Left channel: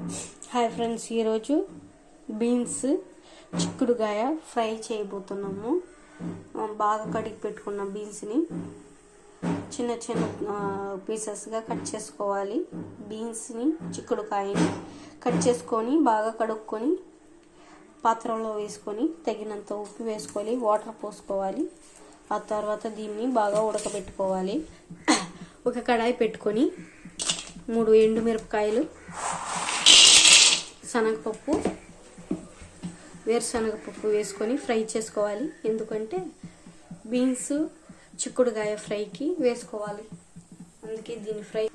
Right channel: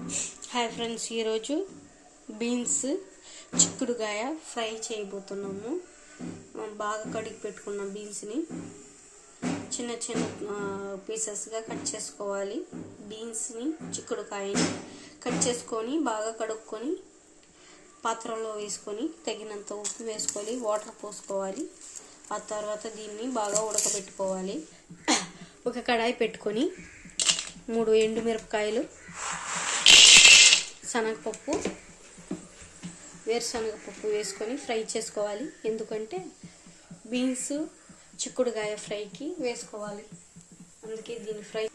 Hi friends, ఈరోజు beans చిక్కుడుగాయ fry చేయబోతున్నాము. బాగా కడిగి పెట్టుకున్న బీన్స్ని చిన్న చిన్న పీసెస్గా కట్ చేసుకోవాలి. బీన్స్ని చిక్కుడుకాయని కట్ చేసుకొని బాగా కడుక్కొని పాత్రలో వేసుకొని తగినంత ఉప్పు వేసుకోవాలి, వాటర్ పోసుకోవాలి. ఆ తర్వాత దీన్ని బాగా ఉడకబెట్టుకోవాలి. ఒక కడాయి పెట్టుకొని 3 ఎండుమిరపకాయలు, శనగపప్పు, వేరుశనగపప్పు వేసుకొని ఫ్రై చేసుకోవాలి. ఎందుకంటే బీన్స్ చిక్కుడుగాయ ఫ్రైకి వేసుకోవాలి, అందుకే దీన్ని ఫ్రై.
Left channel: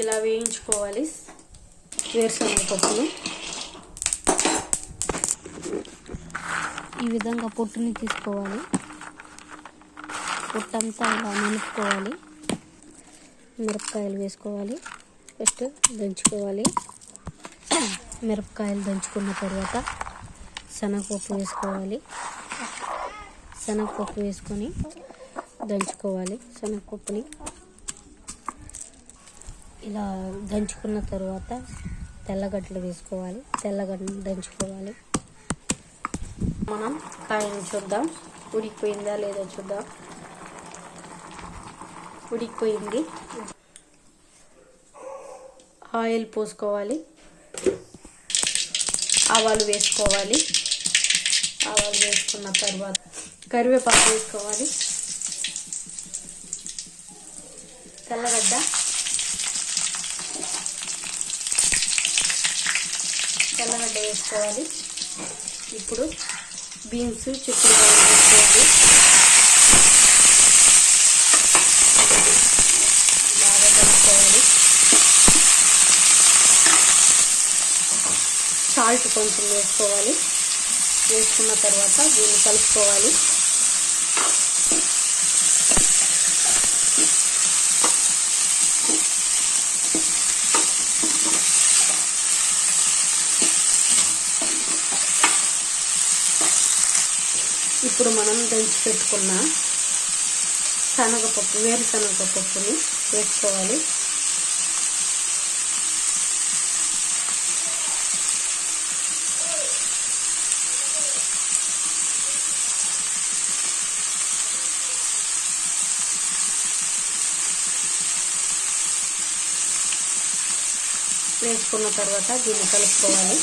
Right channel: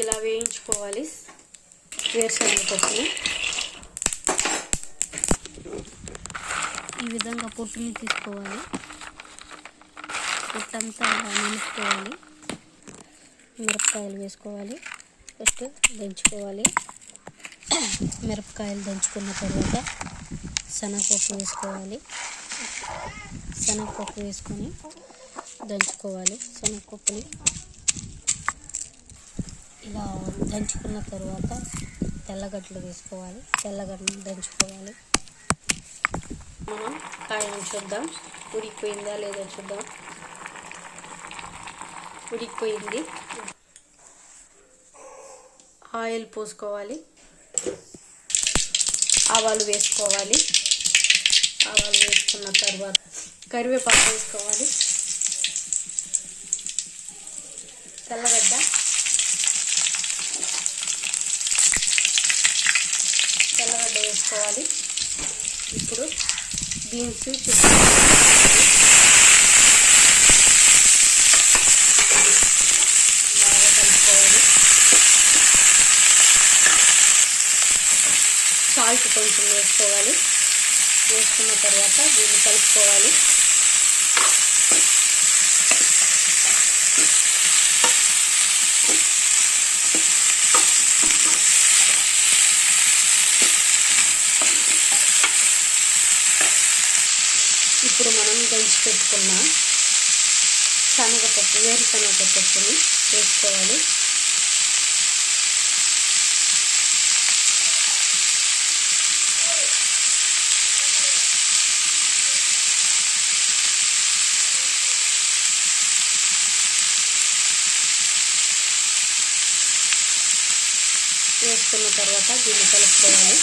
ఇలా వేయించుకోవాలి వేరుశనగపప్పుని. ఈ విధంగా పొట్టుని తీసుకోవాలి, పొట్టంతా ఇలా నిలుపుకోవాలి. మిరపకాయలు వేసుకోవాలి, ఫస్ట్ దంచుకోవాలి. మిరపకాయలు దంచుకున్న తర్వాత శనగపప్పు వేసుకోవాలి. శనగపప్పు వేసుకొని దంచుకోవాలి. శనగపప్పుని ఇలా దంచుకున్న తర్వాత తెల్లగడ్డలు వేసుకోవాలి. తెల్లగడ్డలు దంచుకోవాలి. మనం కాయను చూద్దాం, ఉడికిపోయిందా లేదా చూద్దాం. ఉడికిపోయింది. ఆయిల్ పోసుకోవాలి, ఆవాలు వేసుకోవాలి. ఆవాలు వేసుకున్న తర్వాత కరివేపాకు వేసుకోవాలి. తెల్లగడ్డ, వేసుకోవాలి. ఇప్పుడు బీన్స్ వేసుకోవాలి. బాగా కలుపుకోవాలి. సాల్ట్ కొంచెం వేసుకోవాలి. వేసుకున్న తర్వాత దీన్ని కలుపుకోవాలి. ఇప్పుడు మనం దంచి పెట్టుకున్న వేరుశనగపప్పుని వేసుకోవాలి. వేసుకున్న తర్వాత దీన్ని కలుపుకోవాలి.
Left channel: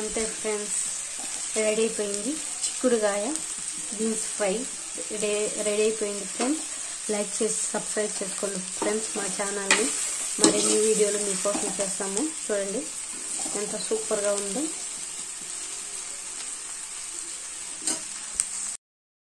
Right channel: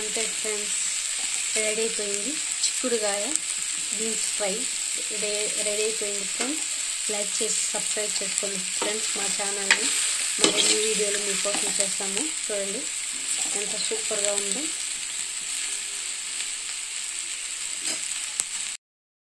అంతే ఫ్రెండ్స్, రెడీ అయిపోయింది చిక్కుడుగాయ బీన్స్ ఫ్రై. రెడీ అయిపోయింది ఫ్రెండ్స్. లైక్ చేసి సబ్స్క్రైబ్ చేసుకోండి ఫ్రెండ్స్ మా ఛానల్ని. మరిన్ని వీడియోలు మీకోసం చేస్తాము. చూడండి ఎంత సూపర్గా ఉందో.